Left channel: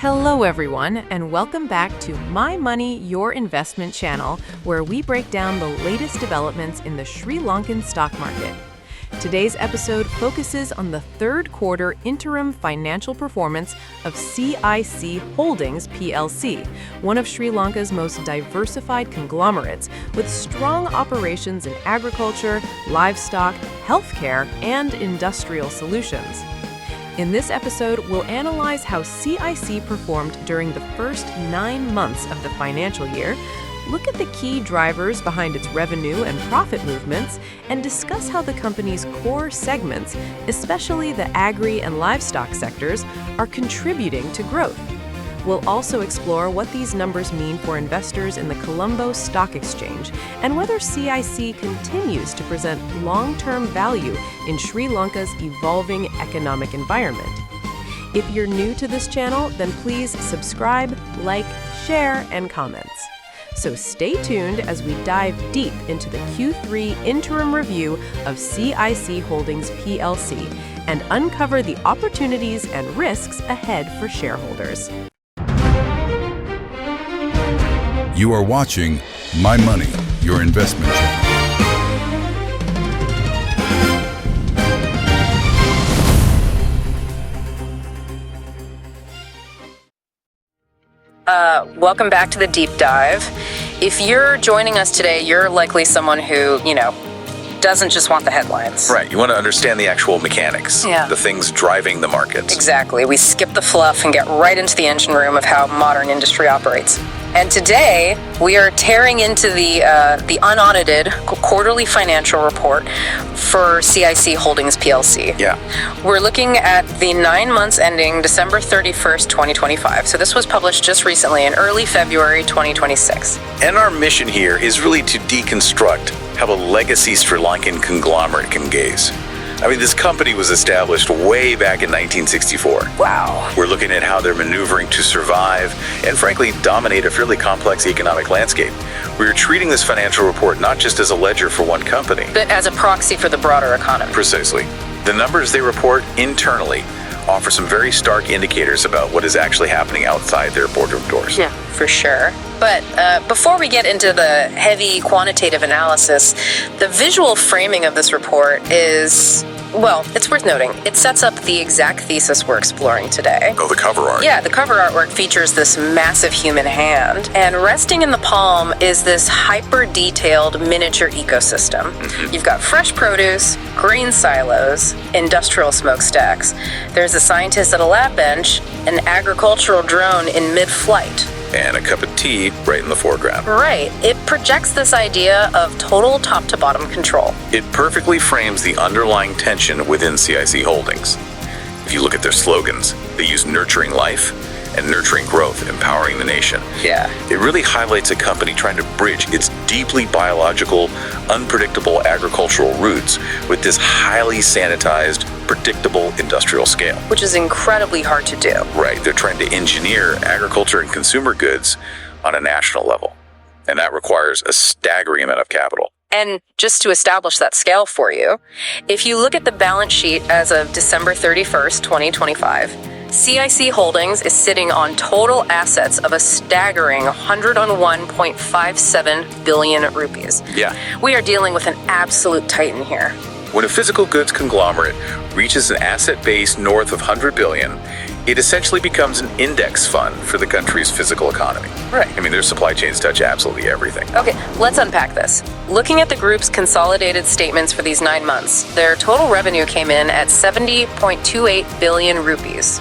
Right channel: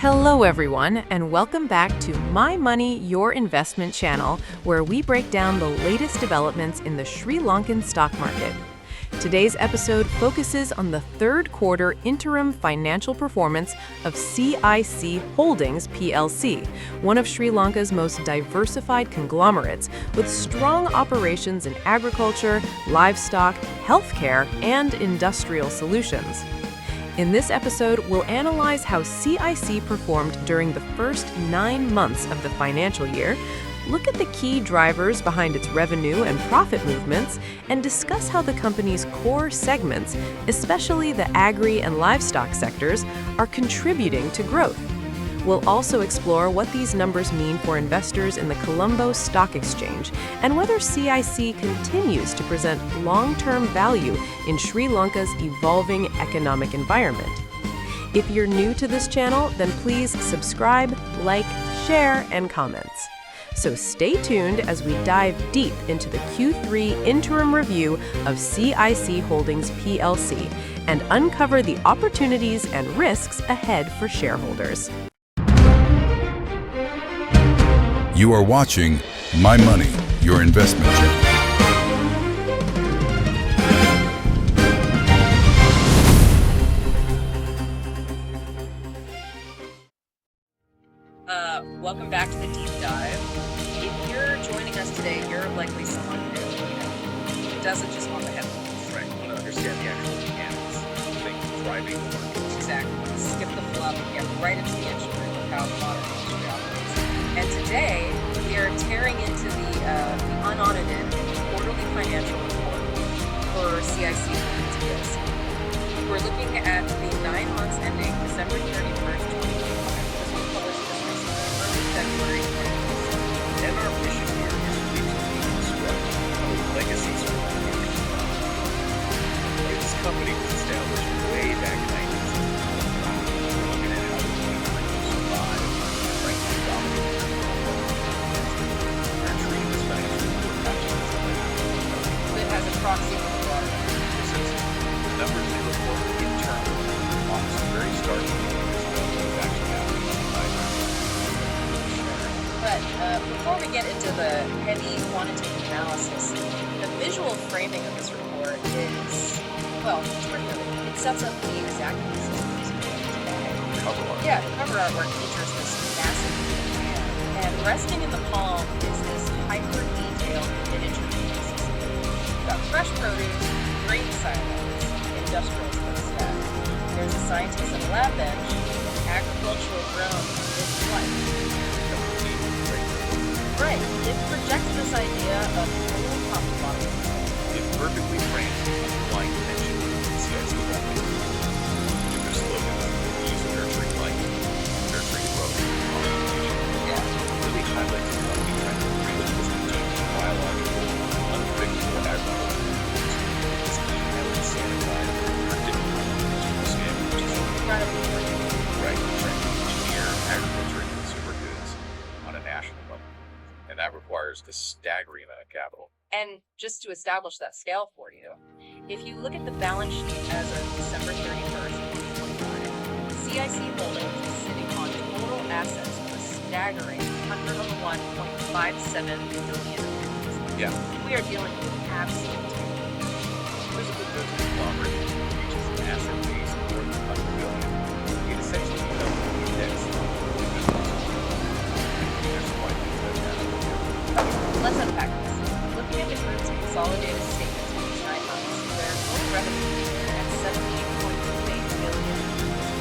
Hello everyone, and welcome back to My Money, Your Investment channel, where we break down the latest developments in the Sri Lankan stock market. Today's episode focuses on the third quarter interim financial performance of CIC Holdings plc, one of Sri Lanka's most diversified conglomerates with strong operations in agriculture, livestock, healthcare, and industrial solutions. In this episode, we'll analyze how CIC performed during the first 9 months of the financial year, look at the key drivers behind its revenue and profit movements, and discuss how the company's core segments, especially the agri and livestock sectors, are contributing to growth. We'll also explore what these numbers mean for investors in the Colombo Stock Exchange and whether CIC continues to present long-term value in Sri Lanka's evolving economic environment. If you're new to this channel, then please subscribe, like, share, and comments. So stay tuned as we dive deep into the Q3 interim review of CIC Holdings plc and uncover the opportunities and risks ahead for shareholders. You are watching My Money, Your Investment channel. Welcome back to the deep dive. If you're joining us today, you're likely someone who, doesn't just want the headlines. Right, you want to understand the actual mechanics, the things driving the markets. Exactly. We skip the fluff and get right into the engine room of how modern industry operates. And today, we are tearing into the unaudited quarterly financial report for CIC Holdings plc. Yeah. We're looking at the 9 months ending December 31st, 2025. So this was published just recently in early February 2026. And our mission here is really to deconstruct how a legacy Sri Lankan conglomerate can gaze. I mean, this company was established way back in 1964. Wow. We're looking at how they're maneuvering to survive and, frankly, dominate a fairly complex economic landscape. We're treating this financial report not just as a ledger for one company, But as a proxy for the broader economy. Precisely. The numbers they report internally offer some very stark indicators about what is actually happening outside their boardroom doors. Yeah, for sure. But before we get into the heavy quantitative analysis, the visual framing of this report is, well, it's worth noting. It sets up the exact thesis we're exploring today. Oh, the cover art. Yeah, the cover artwork features this massive human hand, and resting in the palm is this hyper-detailed miniature ecosystem. You've got fresh produce, grain silos, industrial smokestacks. There's a scientist at a lab bench, an agricultural drone in mid-flight. And a cup of tea right in the foreground. Right. It projects this idea of total top-to-bottom control. It perfectly frames the underlying tension within CIC Holdings. If you look at their slogans, they use nurturing life and nurturing growth, empowering the nation. Yeah. It really highlights a company trying to bridge its deeply biological, unpredictable agricultural roots with this highly sanitized, predictable industrial scale. Which is incredibly hard to do. Right, they're trying to engineer agriculture and consumer goods on a national level. And that requires a staggering amount of capital. And just to establish that scale for you, if you look at the balance sheet as of December 31st, 2025, CIC Holdings is sitting on total assets of a staggering 101.57 billion rupees. Yeah. We are dealing with an absolute titan here. When a physical goods conglomerate reaches an asset base north of 100 billion, it essentially becomes an index fund for the country's physical economy. Right. I mean, their supply chains touch absolutely everything. Okay, let's unpack this. Looking at the group's consolidated statements for these 9 months, their total revenue came in at 70.28 billion rupees.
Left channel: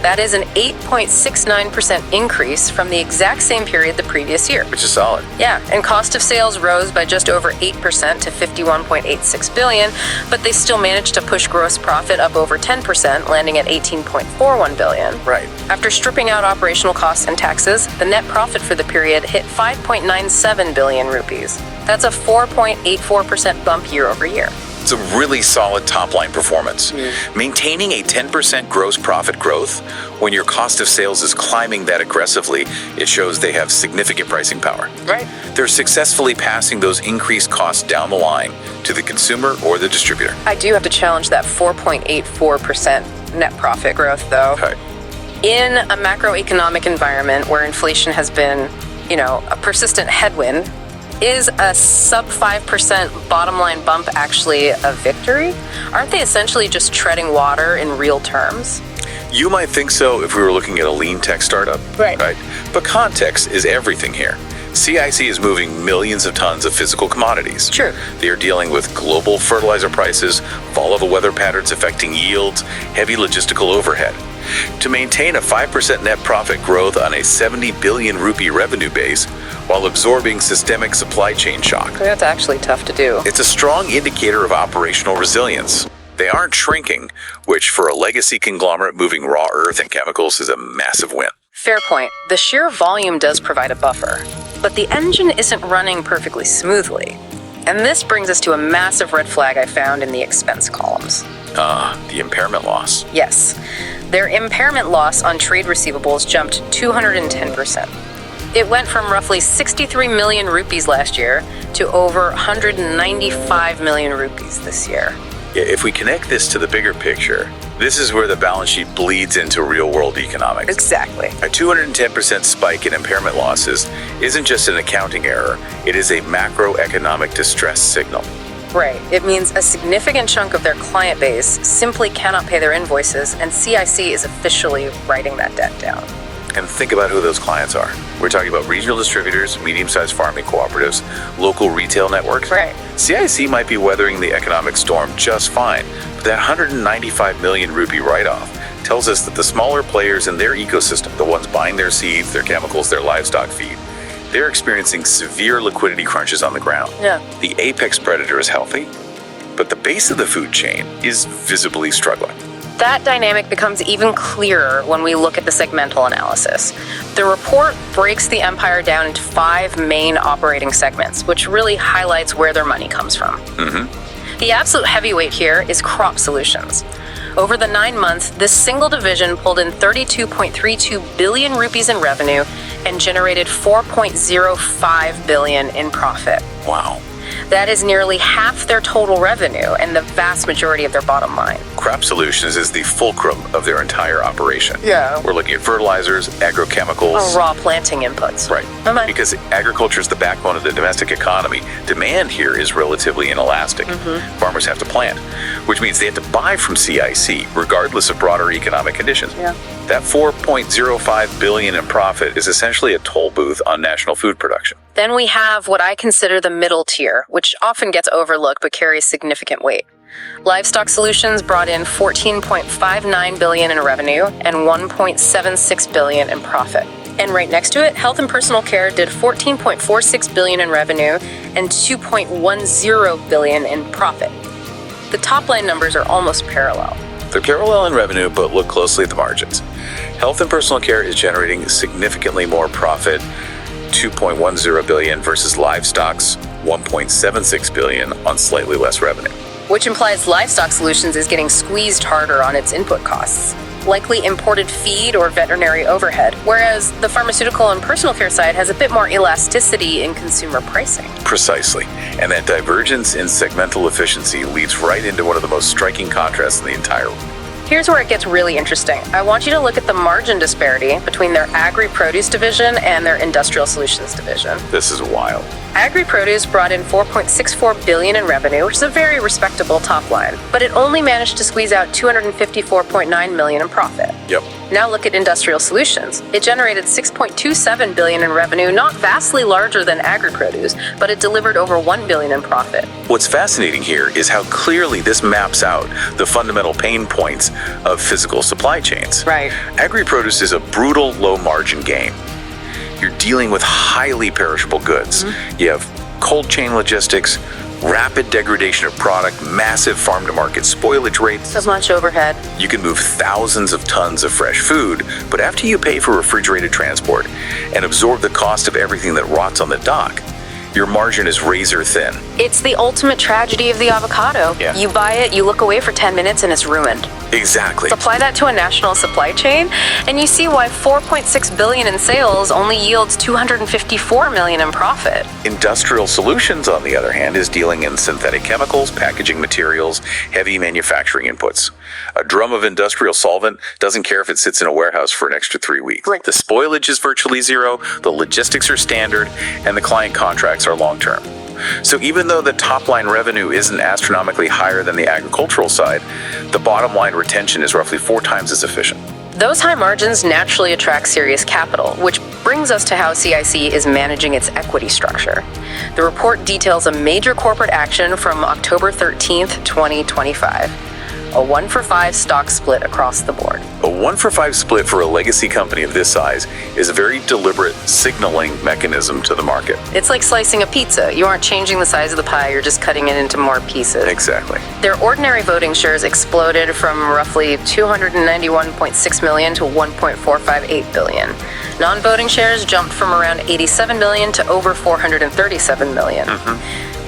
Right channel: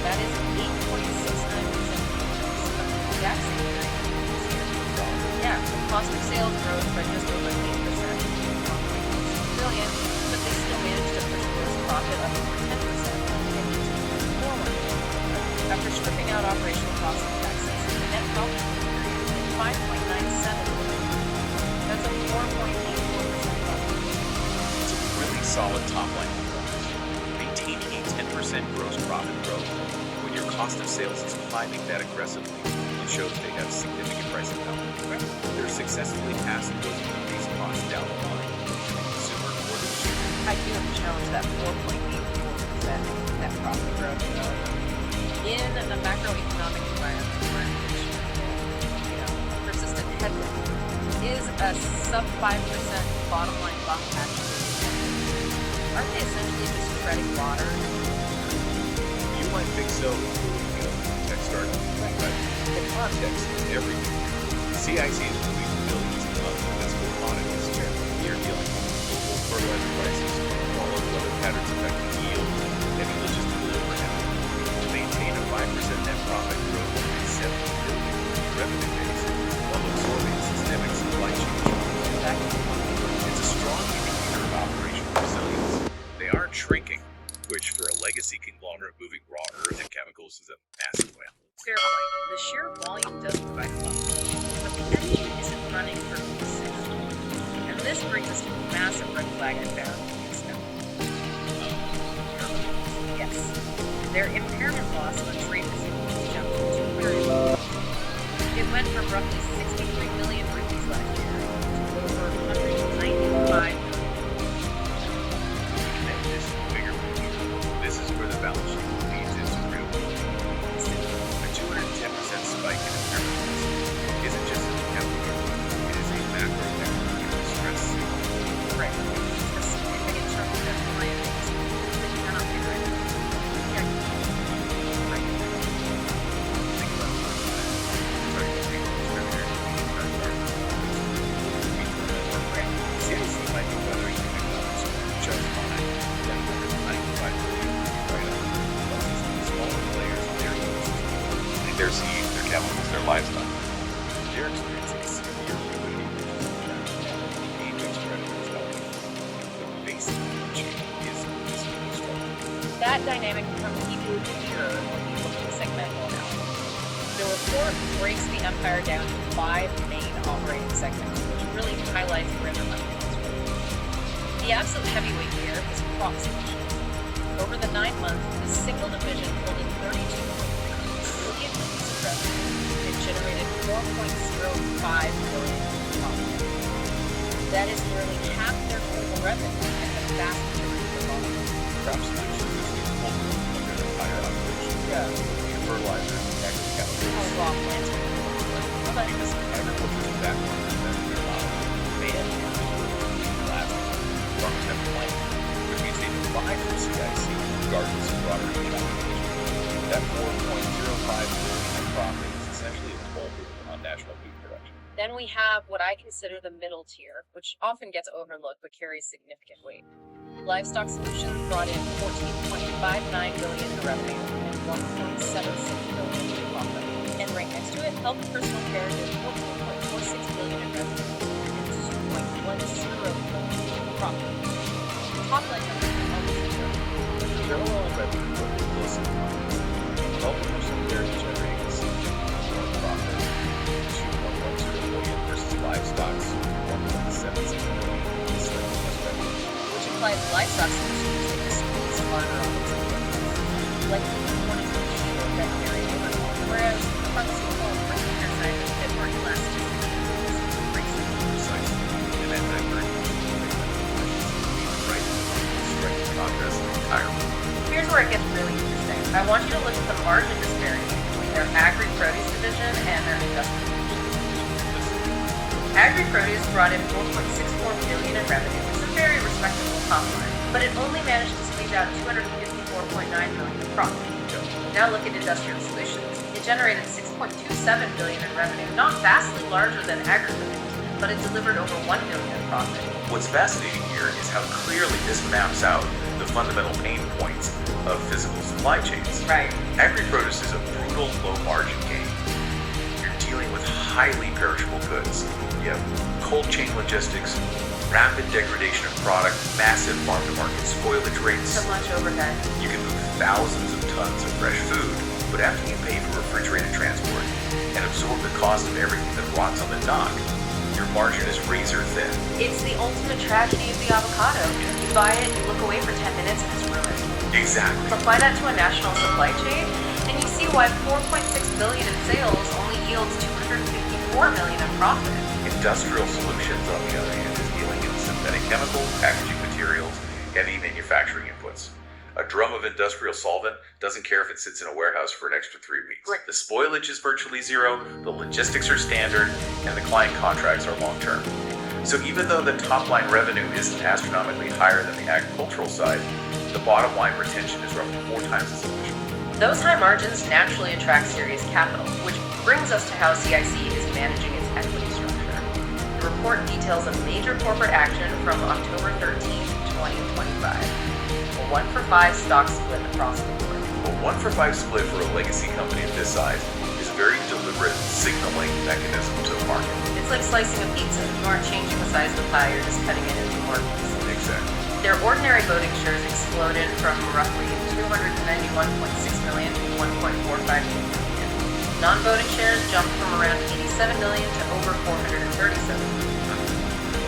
That is an 8.69% increase from the exact same period the previous year. Which is solid. Yeah, and cost of sales rose by just over 8% to 51.86 billion, but they still managed to push gross profit up over 10%, landing at 18.41 billion. Right. After stripping out operational costs and taxes, the net profit for the period hit 5.97 billion rupees. That's a 4.84% bump year over year. It's a really solid top-line performance. Maintaining a 10% gross profit growth when your cost of sales is climbing that aggressively, it shows they have significant pricing power. Right. They're successfully passing those increased costs down the line to the consumer or the distributor. I do have to challenge that 4.84% net profit growth, though. Okay. In a macroeconomic environment where inflation has been, a persistent headwind, is a sub 5% bottom line bump actually a victory? Aren't they essentially just treading water in real terms? You might think so if we were looking at a lean tech startup, right? But context is everything here. CIC is moving millions of tons of physical commodities. True. They are dealing with global fertilizer prices, volatile weather patterns affecting yields, heavy logistical overhead. To maintain a 5% net profit growth on a 70 billion rupee revenue base while absorbing systemic supply chain shock. That's actually tough to do. It's a strong indicator of operational resilience. They aren't shrinking, which for a legacy conglomerate moving raw earth and chemicals is a massive win. Fair point. The sheer volume does provide a buffer, but the engine isn't running perfectly smoothly. And this brings us to a massive red flag I found in the expense columns. The impairment loss. Yes. Their impairment loss on trade receivables jumped 210%. It went from roughly 63 million rupees last year to over 195 million rupees this year. Yeah, if we connect this to the bigger picture, this is where the balance sheet bleeds into real-world economics. Exactly. A 210% spike in impairment losses isn't just an accounting error, it is a macroeconomic distress signal. Right. It means a significant chunk of their client base simply cannot pay their invoices, and CIC is officially writing that debt down. And think about who those clients are. We're talking about regional distributors, medium-sized farming cooperatives, local retail networks. Right. CIC might be weathering the economic storm just fine, but that 195 million rupee write-off tells us that the smaller players in their ecosystem, the ones buying their seeds, their chemicals, their livestock feed, they're experiencing severe liquidity crunches on the ground. Yeah. The apex predator is healthy, but the base of the food chain is visibly struggling. That dynamic becomes even clearer when we look at the segmental analysis. The report breaks the empire down into 5 main operating segments, which really highlights where their money comes from. The absolute heavyweight here is crop solutions. Over the 9 months, this single division pulled in 32.32 billion rupees in revenue and generated 4.05 billion in profit. Wow. That is nearly half their total revenue and the vast majority of their bottom line. Crop Solutions is the fulcrum of their entire operation. Yeah. We're looking at fertilizers, agrochemicals. Raw planting inputs. Right. Because agriculture is the backbone of the domestic economy. Demand here is relatively inelastic. Farmers have to plant, which means they have to buy from CIC, regardless of broader economic conditions. Yeah. That 4.05 billion in profit is essentially a toll booth on national food production. Then we have what I consider the middle tier, which often gets overlooked but carries significant weight. Livestock Solutions brought in 14.59 billion in revenue and 1.76 billion in profit. And right next to it, Health and Personal Care did 14.46 billion in revenue and 2.10 billion in profit. The top line numbers are almost parallel. They're parallel in revenue, but look closely at the margins. Health and Personal Care is generating significantly more profit, 2.10 billion versus Livestock's 1.76 billion on slightly less revenue. Which implies Livestock Solutions is getting squeezed harder on its input costs, likely imported feed or veterinary overhead, whereas the pharmaceutical and personal care side has a bit more elasticity in consumer pricing. Precisely. And that divergence in segmental efficiency leads right into one of the most striking contrasts in the entire world. Here's where it gets really interesting. I want you to look at the margin disparity between their agri-produce division and their industrial solutions division. This is wild. Agri-produce brought in 4.64 billion in revenue, which is a very respectable top line, but it only managed to squeeze out 254.9 million in profit. Yep. Now look at industrial solutions. It generated 6.27 billion in revenue, not vastly larger than agri-produce, but it delivered over 1 billion in profit. What's fascinating here is how clearly this maps out the fundamental pain points of physical supply chains. Right. Agri-produce is a brutal low-margin game. You're dealing with highly perishable goods. You have cold chain logistics, rapid degradation of product, massive farm-to-market spoilage rates. So much overhead. You can move thousands of tons of fresh food, but after you pay for refrigerated transport and absorb the cost of everything that rots on the dock, Your margin is razor thin. It's the ultimate tragedy of the avocado. Yeah. You buy it, you look away for 10 minutes, and it's ruined. Exactly. Apply that to a national supply chain, and you see why $4.6 billion in sales only yields $254 million in profit. Industrial Solutions, on the other hand, is dealing in synthetic chemicals, packaging materials, heavy manufacturing inputs. A drum of industrial solvent doesn't care if it sits in a warehouse for an extra 3 weeks. Right. The spoilage is virtually zero, the logistics are standard, and the client contracts are long-term. So even though the top-line revenue isn't astronomically higher than the agricultural side, the bottom-line retention is roughly 4 times as efficient. Those high margins naturally attract serious capital, which brings us to how CIC is managing its equity structure. The report details a major corporate action from October 13th, 2025. A 1-for-5 stock split across the board. A 1-for-5 split for a legacy company of this size is a very deliberate signaling mechanism to the market. It's like slicing a pizza. You aren't changing the size of the pie, you're just cutting it into more pieces. Exactly. Their ordinary voting shares exploded from roughly 291.6 million to 1.458 billion. Non-voting shares jumped from around 87 million to over 437 million.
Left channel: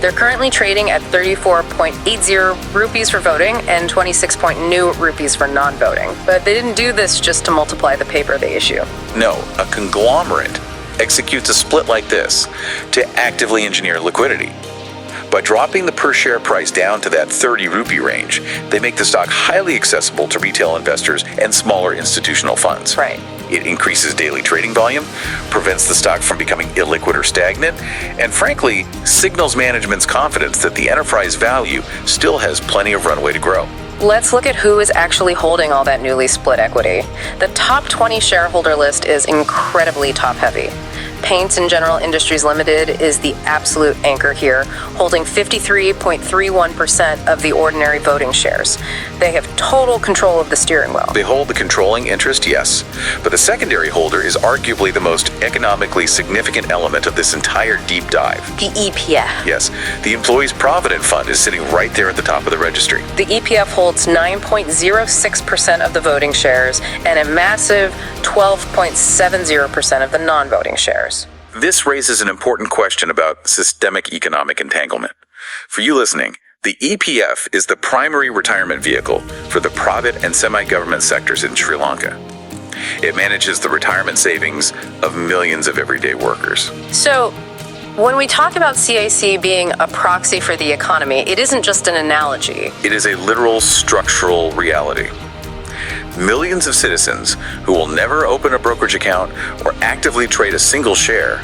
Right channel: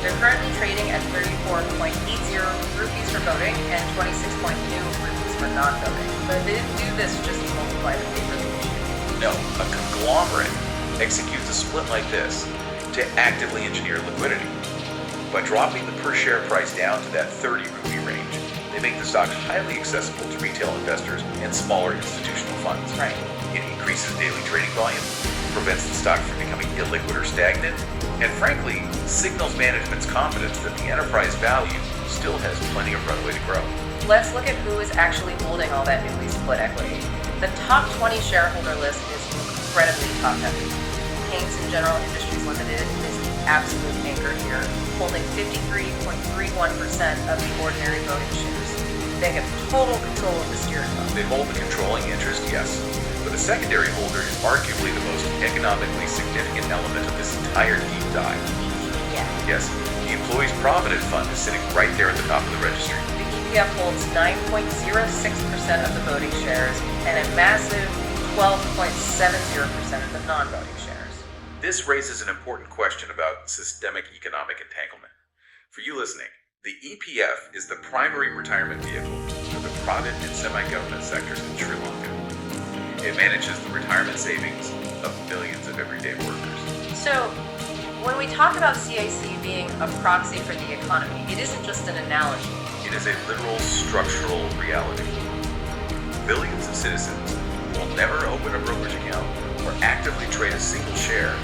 They're currently trading at 34.80 rupees for voting and 26 new rupees for non-voting. But they didn't do this just to multiply the paper they issue. No, a conglomerate executes a split like this to actively engineer liquidity. By dropping the per share price down to that 30 rupee range, they make the stock highly accessible to retail investors and smaller institutional funds. Right. It increases daily trading volume, prevents the stock from becoming illiquid or stagnant, and frankly, signals management's confidence that the enterprise value still has plenty of runway to grow. Let's look at who is actually holding all that newly split equity. The top 20 shareholder list is incredibly top-heavy. Paints and General Industries Limited is the absolute anchor here, holding 53.31% of the ordinary voting shares. They have total control of the steering wheel. They hold the controlling interest, yes, but the secondary holder is arguably the most economically significant element of this entire deep dive. The EPF. Yes, the Employees Provident Fund is sitting right there at the top of the registry. The EPF holds 9.06% of the voting shares and a massive 12.70% of the non-voting shares. This raises an important question about systemic economic entanglement. For you listening, the EPF is the primary retirement vehicle for the private and semi-government sectors in Sri Lanka. It manages the retirement savings of millions of everyday workers. So, when we talk about CIC being a proxy for the economy, it isn't just an analogy. It is a literal structural reality. Millions of citizens who will never open a brokerage account or actively trade a single share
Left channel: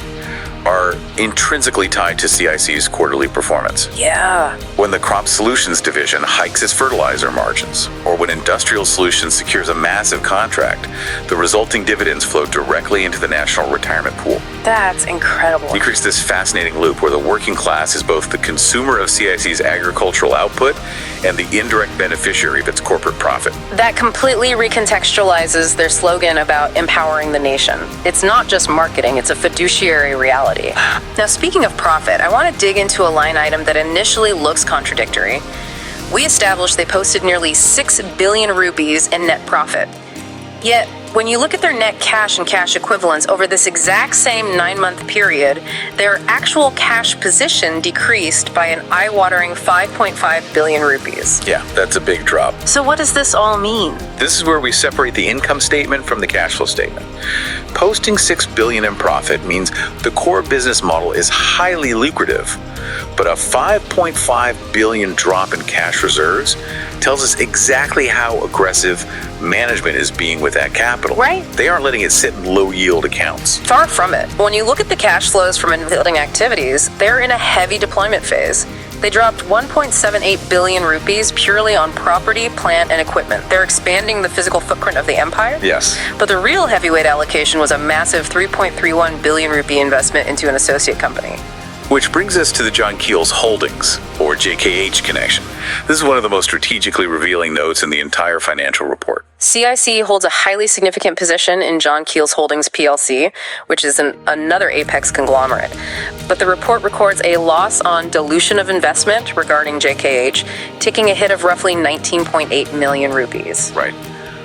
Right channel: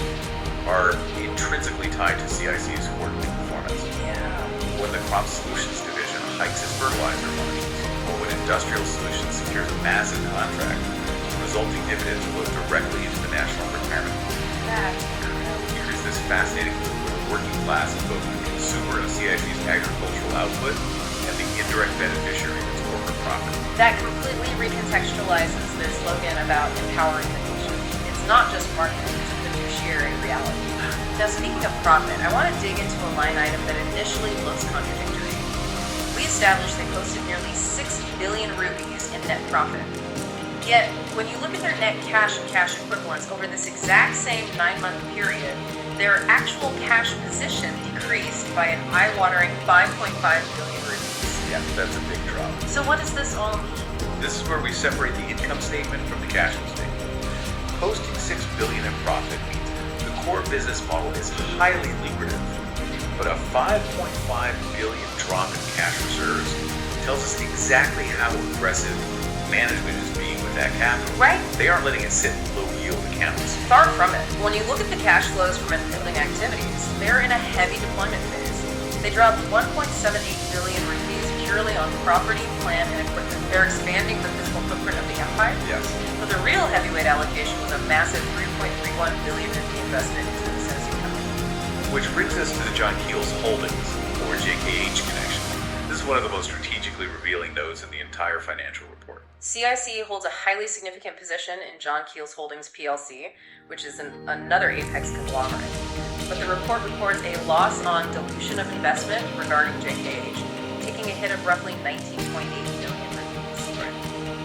are intrinsically tied to CIC's quarterly performance. Yeah. When the Crop Solutions division hikes its fertilizer margins, or when Industrial Solutions secures a massive contract, the resulting dividends flow directly into the national retirement pool. That's incredible. You create this fascinating loop where the working class is both the consumer of CIC's agricultural output and the indirect beneficiary of its corporate profit. That completely recontextualizes their slogan about empowering the nation. It's not just marketing, it's a fiduciary reality. Now, speaking of profit, I want to dig into a line item that initially looks contradictory. We established they posted nearly 6 billion rupees in net profit. Yet, when you look at their net cash and cash equivalents over this exact same 9-month period, their actual cash position decreased by an eye-watering 5.5 billion rupees. Yeah, that's a big drop. So what does this all mean? This is where we separate the income statement from the cash flow statement. Posting 6 billion in profit means the core business model is highly lucrative, but a 5.5 billion drop in cash reserves tells us exactly how aggressive management is being with that capital. Right. They aren't letting it sit in low yield accounts. Far from it. When you look at the cash flows from investing activities, they're in a heavy deployment phase. They dropped 1.78 billion rupees purely on property, plant, and equipment. They're expanding the physical footprint of the empire. Yes. But the real heavyweight allocation was a massive 3.31 billion rupee investment into an associate company. Which brings us to the John Keel's Holdings, or JKH connection. This is one of the most strategically revealing notes in the entire financial report. CIC holds a highly significant position in John Keel's Holdings PLC, which is another Apex conglomerate. But the report records a loss on dilution of investment regarding JKH, taking a hit of roughly 19.8 million rupees. Right.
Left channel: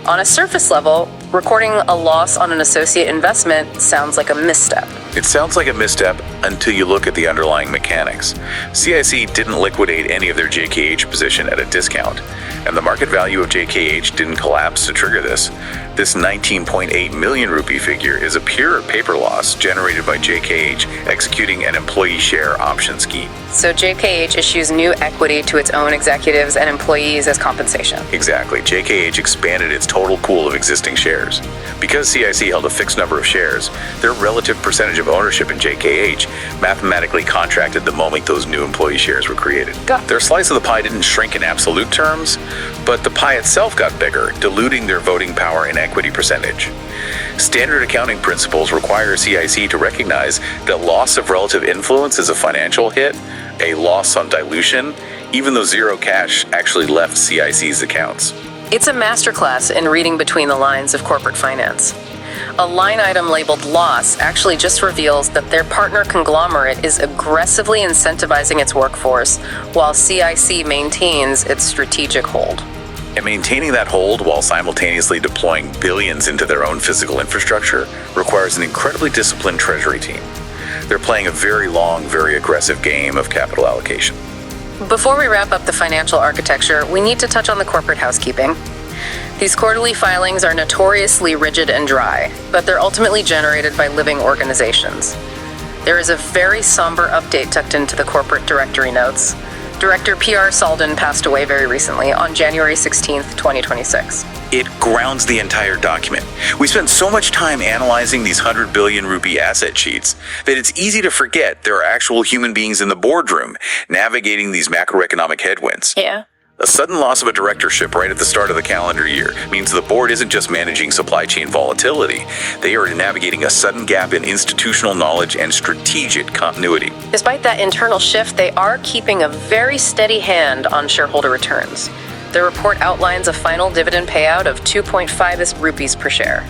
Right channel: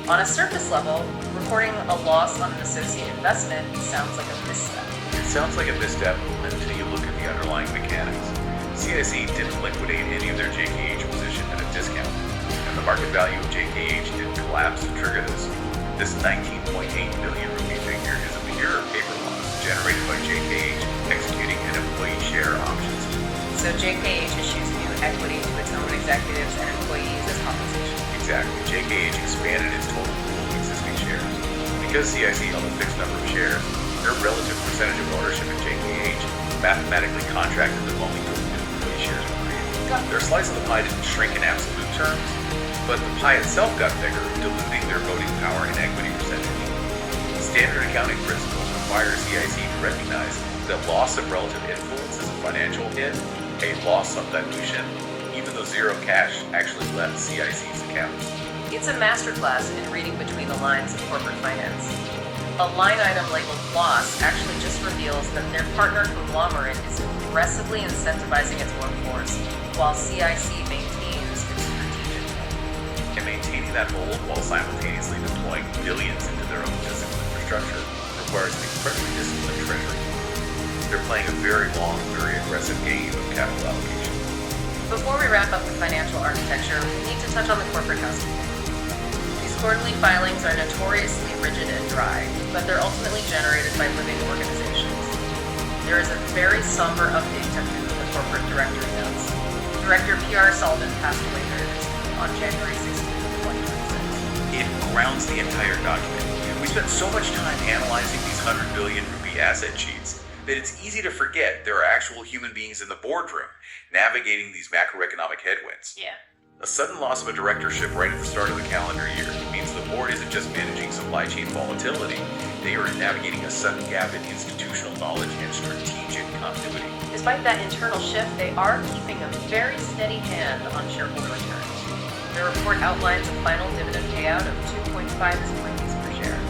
On a surface level, recording a loss on an associate investment sounds like a misstep. It sounds like a misstep until you look at the underlying mechanics. CIC didn't liquidate any of their JKH position at a discount, and the market value of JKH didn't collapse to trigger this. This 19.8 million rupee figure is a pure paper loss generated by JKH executing an employee share option scheme. So JKH issues new equity to its own executives and employees as compensation. Exactly. JKH expanded its total pool of existing shares. Because CIC held a fixed number of shares, their relative percentage of ownership in JKH mathematically contracted the moment those new employee shares were created. Their slice of the pie didn't shrink in absolute terms, but the pie itself got bigger, diluting their voting power and equity percentage. Standard accounting principles require CIC to recognize that loss of relative influence is a financial hit, a loss on dilution, even though zero cash actually left CIC's accounts. It's a masterclass in reading between the lines of corporate finance. A line item labeled loss actually just reveals that their partner conglomerate is aggressively incentivizing its workforce while CIC maintains its strategic hold. And maintaining that hold while simultaneously deploying billions into their own physical infrastructure requires an incredibly disciplined treasury team. They're playing a very long, very aggressive game of capital allocation. Before we wrap up the financial architecture, we need to touch on the corporate housekeeping. These quarterly filings are notoriously rigid and dry, but they're ultimately generated by living organizations. There is a very somber update tucked into the corporate directory notes. Director P.R. Salden passed away very recently on January 16th, 2026. It grounds the entire document. We spent so much time analyzing these 100 billion rupee asset sheets that it's easy to forget there are actual human beings in the boardroom navigating these macroeconomic headwinds. Yeah. A sudden loss of a directorship right at the start of the calendar year means the board isn't just managing supply chain volatility. They are navigating a sudden gap in institutional knowledge and strategic continuity. Despite that internal shift, they are keeping a very steady hand on shareholder returns. The report outlines a final dividend payout of 2.5 rupees per share.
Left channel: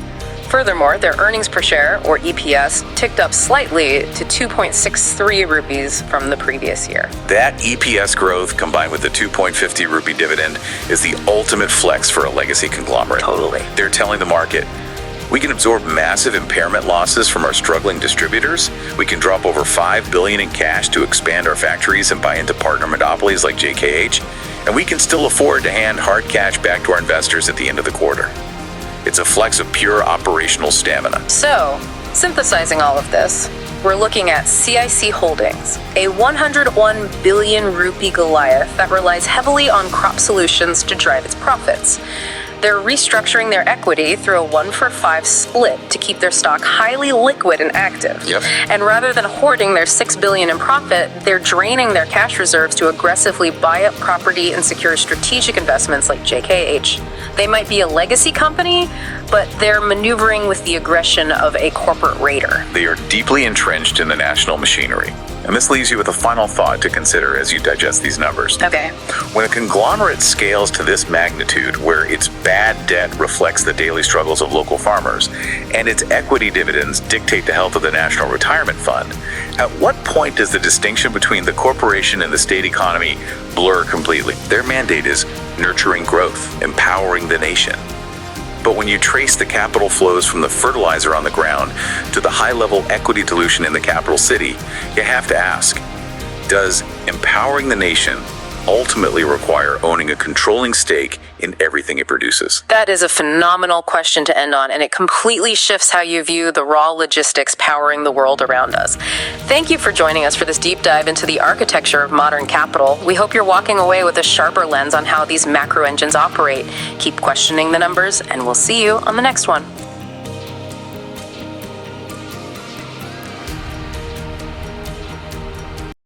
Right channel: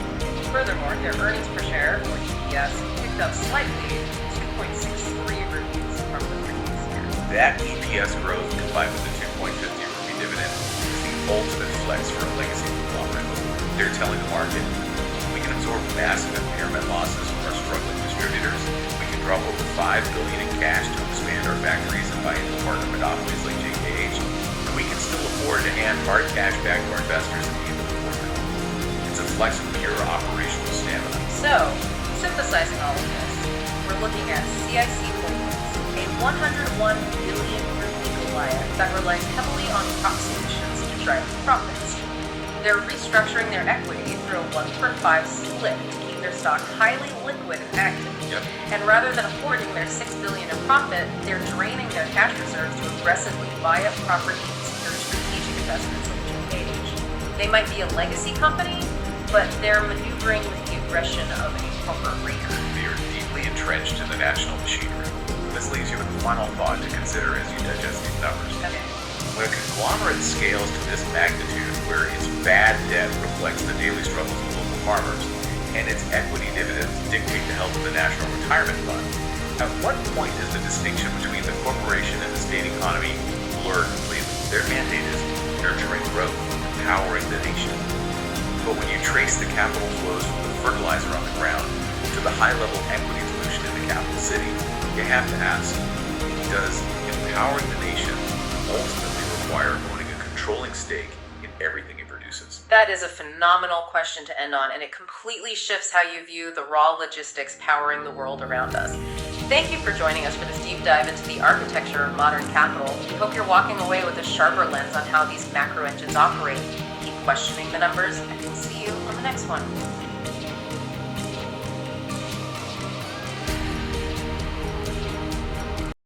Furthermore, their earnings per share, or EPS, ticked up slightly to 2.63 rupees from the previous year. That EPS growth, combined with the 2.50 rupee dividend, is the ultimate flex for a legacy conglomerate. Totally. They're telling the market, we can absorb massive impairment losses from our struggling distributors. We can drop over $5 billion in cash to expand our factories and buy into partner monopolies like JKH, and we can still afford to hand hard cash back to our investors at the end of the quarter. It's a flex of pure operational stamina. So, synthesizing all of this, we're looking at CIC Holdings, a 101 billion rupee Goliath that relies heavily on crop solutions to drive its profits. They're restructuring their equity through a 1-for-5 split to keep their stock highly liquid and active. Yep. And rather than hoarding their $6 billion in profit, they're draining their cash reserves to aggressively buy up property and secure strategic investments like JKH. They might be a legacy company, but they're maneuvering with the aggression of a corporate raider. They are deeply entrenched in the national machinery. And this leaves you with a final thought to consider as you digest these numbers. Okay. When a conglomerate scales to this magnitude, where its bad debt reflects the daily struggles of local farmers, and its equity dividends dictate the health of the National Retirement Fund, at what point does the distinction between the corporation and the state economy blur completely? Their mandate is nurturing growth, empowering the nation. But when you trace the capital flows from the fertilizer on the ground to the high-level equity dilution in the capital city, you have to ask, does empowering the nation ultimately require owning a controlling stake in everything it produces? That is a phenomenal question to end on, and it completely shifts how you view the raw logistics powering the world around us. Thank you for joining us for this deep dive into the architecture of modern capital. We hope you're walking away with a sharper lens on how these macro engines operate. Keep questioning the numbers, and we'll see you on the next one.